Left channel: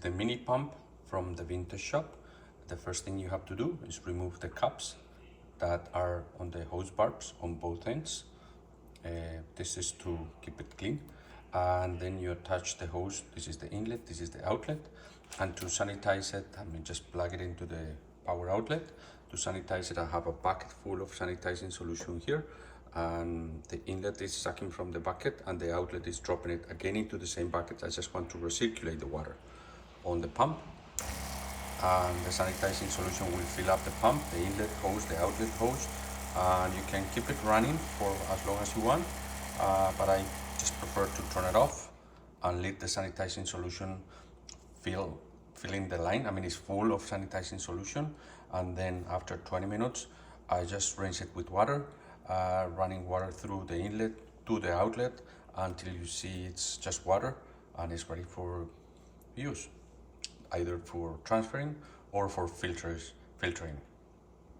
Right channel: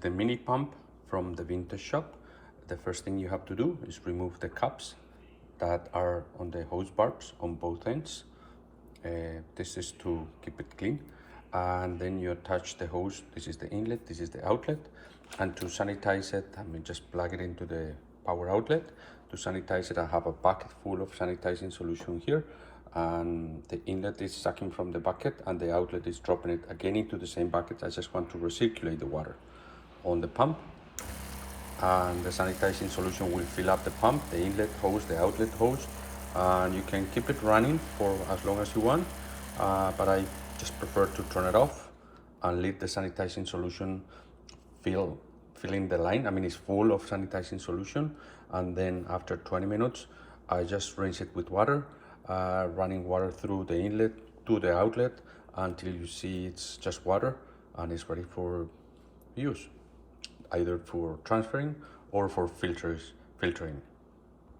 The mini pump from the vintage shop. The first thing you have to do is remove the caps that are on the hose barbs on both ends. This is to keep it clean. And then you attach the hose. This is the inlet, this is the outlet. And to sanitize it, just plug it into the power outlet. To sanitize it, I have a bucket full of sanitizing solution here. And the inlet is sucking from the bucket and the outlet is dropping it again into the same bucket. I just want to recirculate the water on the pump, and the sanitizing solution will fill up the pump, the inlet hose, the outlet hose, and you can keep it running for as long as you want, but I just prefer to turn it off and let the sanitizing solution fill in the line. It's full of sanitizing solution, and then after 20 minutes I just rinse it with water, running water through the inlet to the outlet until you see it's just water and it's ready for use, either for transferring or for filtering.